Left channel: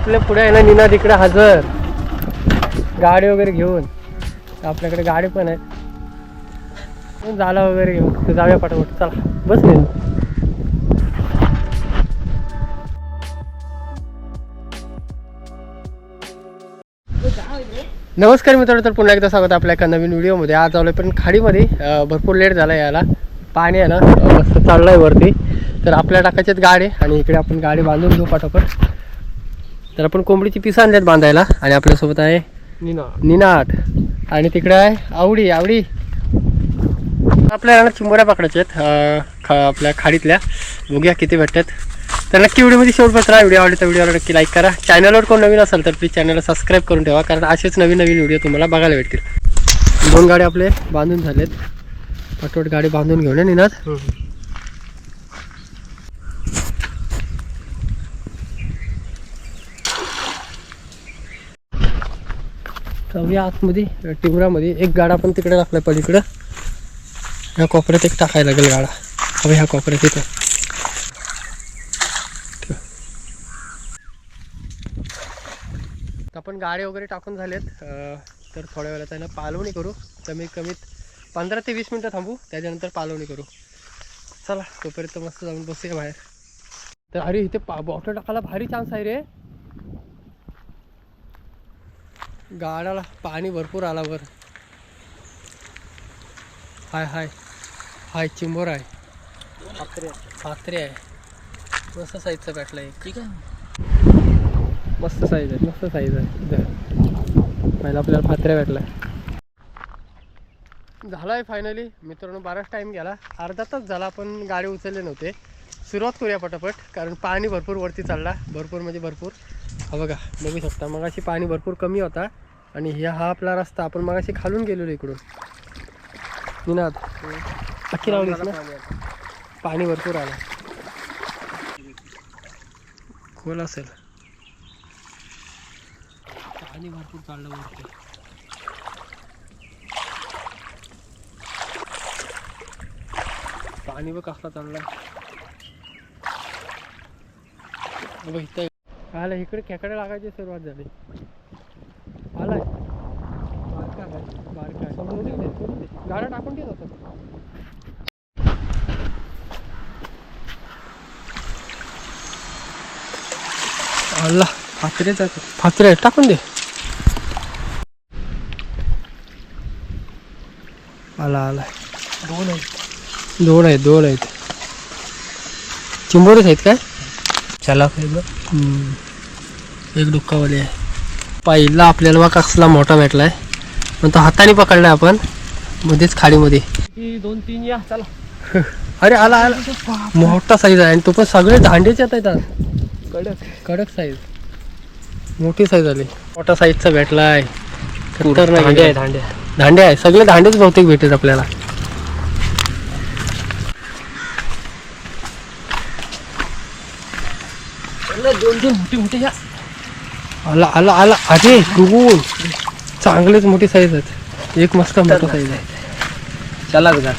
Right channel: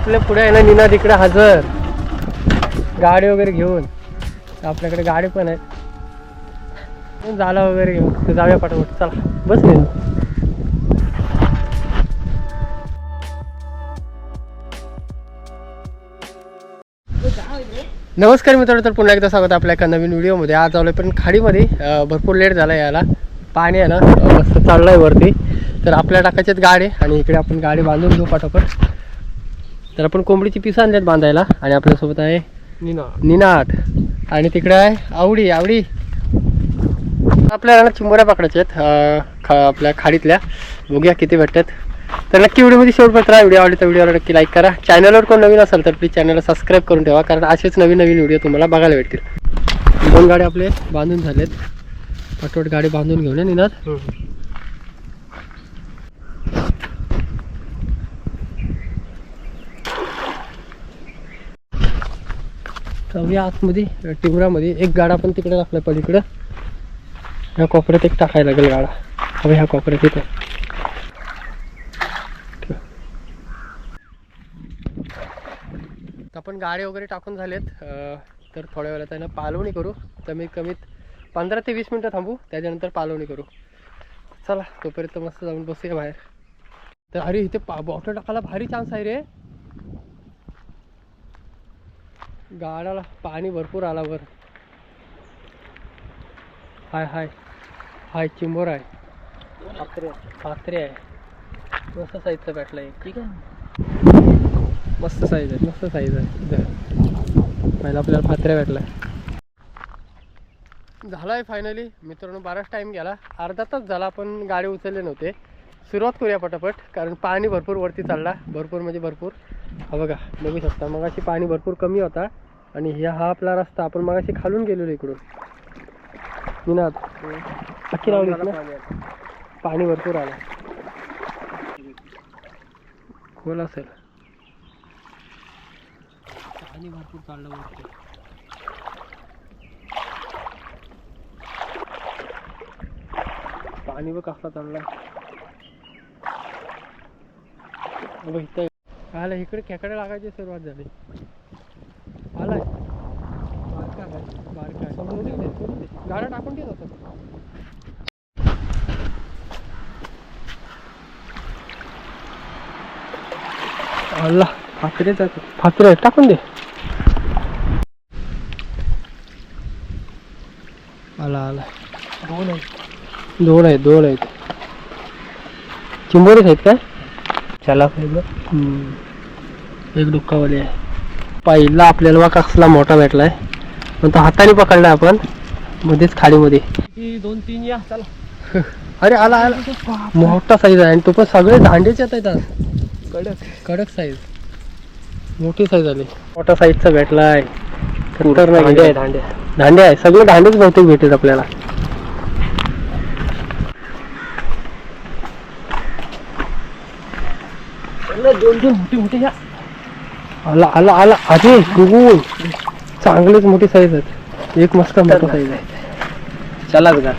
आपल्या पुढे आहे ना निनाद इकडे हजर. गाडी वगैरे घेऊन. आपल्याकडे गाडी पण आहे. झाला वगैरे घेऊन. जाऊया पाठवट चला बस नाही नमस्कार मित्रांनो तर पुन्हा एकदा स्वागत आपल्या एका नवीन व्हिडिओमध्ये. आज आलो पण खाडीमध्ये. भरपूर लेट झाला यायला पाणी आहे ना मस्त चाललं आहे वरती. तर आपल्या टाकायच्यात गाडी आणि इकडे आपण गाडी बांधून घेऊ पाठोपाठ तर आपण कोंबडीची पिसं आणल्यात बांधायला. आणि आपल्यासोबत आहे निना. निनाट. आणि तिकडे आहे आवडी आवडी. आपल्याला ना चिंबोऱ्या पकडायच्या आहेत. खा आपल्या खाडीतल्या. बघूया किती भेटतात. तर नक्की व्हिडिओमध्ये शेवटपर्यंत राहा. व्हिडिओ आवडला तर व्हिडिओला नक्की लाईक करा. चॅनलवर कोण नवीन असेल तर प्लीज चॅनलला सबस्क्राईब करून ठेवा. कारण असेच नवीन नवीन व्हिडिओ तुम्हाला बघायला भेटतील. दोन गाडी आपले बांधून झालेत. पटवट गाडी बांधून घेऊन निनाद जाऊया आतमध्ये टिमरामध्ये एक गाडा पण तिकडे टाकला पलीकडं ह्या कोपऱ्यात एक टाकायला लागेल गाडा. हवं ह्या कोपऱ्यात येतो तर आपण गाडी वगैरे टाकून झालेत. तर थोड्या वेळात त्यांना पालवणी करू. कमीत कमीत पंधरा ते वीस मिनटं थांबू. त्याच्यानंतर पालवणी करू. चला तोपर्यंत मस्त जाऊन बसूया बाहेर. तर अरे इथे पा बॉटल टाकायला भारी चान्स आहे रे. गाडाला पाणी भरपूर आला वर हाय हाय. हाय चिंबोर आहे. फात्रे आहे. मस्त साईजचा भेटला एक. ठीक आहे. मस्त साईज आहे मस्त साईज आहे. पहिला आपल्याला फात्र्या भेटला. झाला आहे फायनली मित्रांनो बराच टाईम गेला. अर्धा तास झाला आपण गाडी उचलले नव्हते. सुरुवात करूया पटापट कारण पाणी भरपूर वरती चालला. भरपूर म्हणजे भरपूर. हा बघा बघू शकता. मगाशी पाणी भरपूर कमी होता आणि हा हा आपला रस्ता आपण मगाशी खालून गेलेलो इकडून. निनाद. अख्खी लावलीस ना? पाणी भरपूर आलं. खोल असेल. पाणी भरपूर चाललं वरती. पाणी बघ कसला चालला बघ इथं आलं इकडे खेकडे लागायची सुरुवात झाली. आलाय. बारका बारका आहे. सोडून दे, सोडून दे. गाड्या टाकून देत होतं आला फात्रे फात्रे टाकून दे. आला आला. दोन आहेत. दोन आहेत दोन आहेत. चिंबोरेच आहेत काय? चला एक डुक्कावाली आहे. पहिला आपल्याला बा कसला मोठा भेटलाय. पण तो हाताने पकडलाय आपण. मध्येच खाडीमध्ये. दोन तीन या चला. अरे आला आला. मोठा साईज आहे आणि तो पण सगळे दांडेच येत आहेत आज. कडक. कडक साईज मोठी साईज आली. मोठा साईजचा भेटलाय. खतरनाक दांडे आहे. आहे. दांडे दांडे आहे. सगळे दांडेच बहुतेक भेटेल आपल्याला. दोन तीन मोठे मोठे या. आला आला आला. अरे गुगून चांगलेच मोठी साईज आहेत. एक मस्त मोठा साईज आहे. चला बघा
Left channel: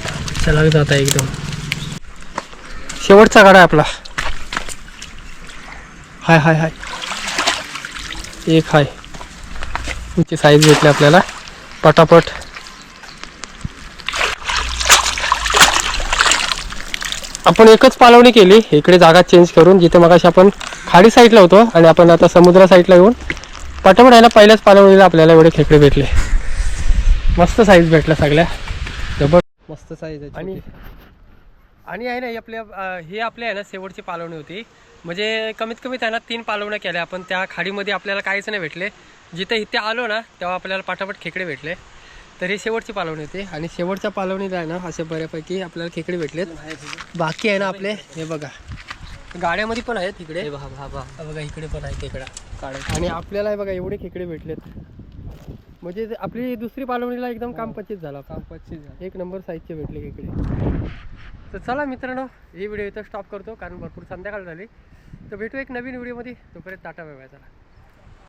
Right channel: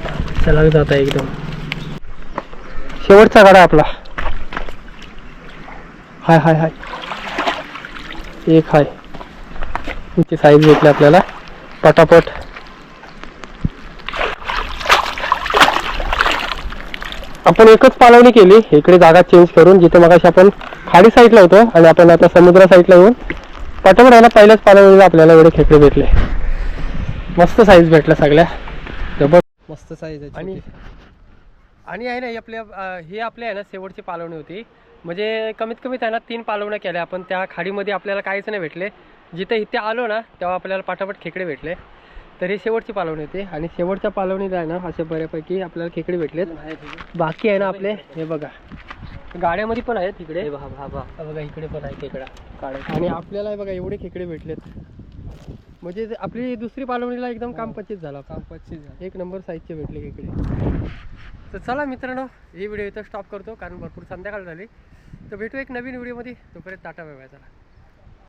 चला जात आहे एकदम. शेवटचा गाडा आहे आपला. हाय हाय हाय. एक हाय. तुमची साईज भेटली आपल्याला. पटापट. आपण एकच पालवणी केली. इकडे जागा चेंज करून जिथे मगाशी आपण खाडी साईडला होतो आणि आपण आता समुद्रा साईडला येऊन पटापट आहे ना पहिल्याच पालवणीला आपल्याला एवढे खेकडे भेटले. मस्त साईज भेटला सगळ्या. जबर मस्त साईज आहे आणि आणि आहे ना ही आपल्या हे ही आपली आहे ना शेवटची पालवणी होती. म्हणजे कमीत कमी त्यांना ना तीन पालवण्या केल्या. आपण त्या खाडीमध्ये आपल्याला काहीच नाही भेटले. जिथे इथे आलो ना तेव्हा आपल्याला पाठापट खेकडे भेटले. तर ही शेवटची पालवणी होती आणि शेवटच्या पालवणीत आहे ना असे बऱ्यापैकी आपल्याला खेकडे भेटलेत. बाकी आहे ना आपले हे बघा. गाड्यामध्ये पण आहेत हा बघा इकडे पण आहे खेकडा. आणि आपल्याला हे बघा एवढे खेकडे भेटलेत. म्हणजे आपली दुसरी पालवणीला एकदम काम पच्चीस झाला काम पच्चीस झालं. एक नंबर साईजचे भेटले इकडे तर चला मित्रांनो ही व्हिडिओ इथं स्टॉप करतो कारण भरपूर संध्याकाळ झाली. तर भेटू एक नवीन व्हिडिओमध्ये तोपर्यंत टाटा बाय बाय चला.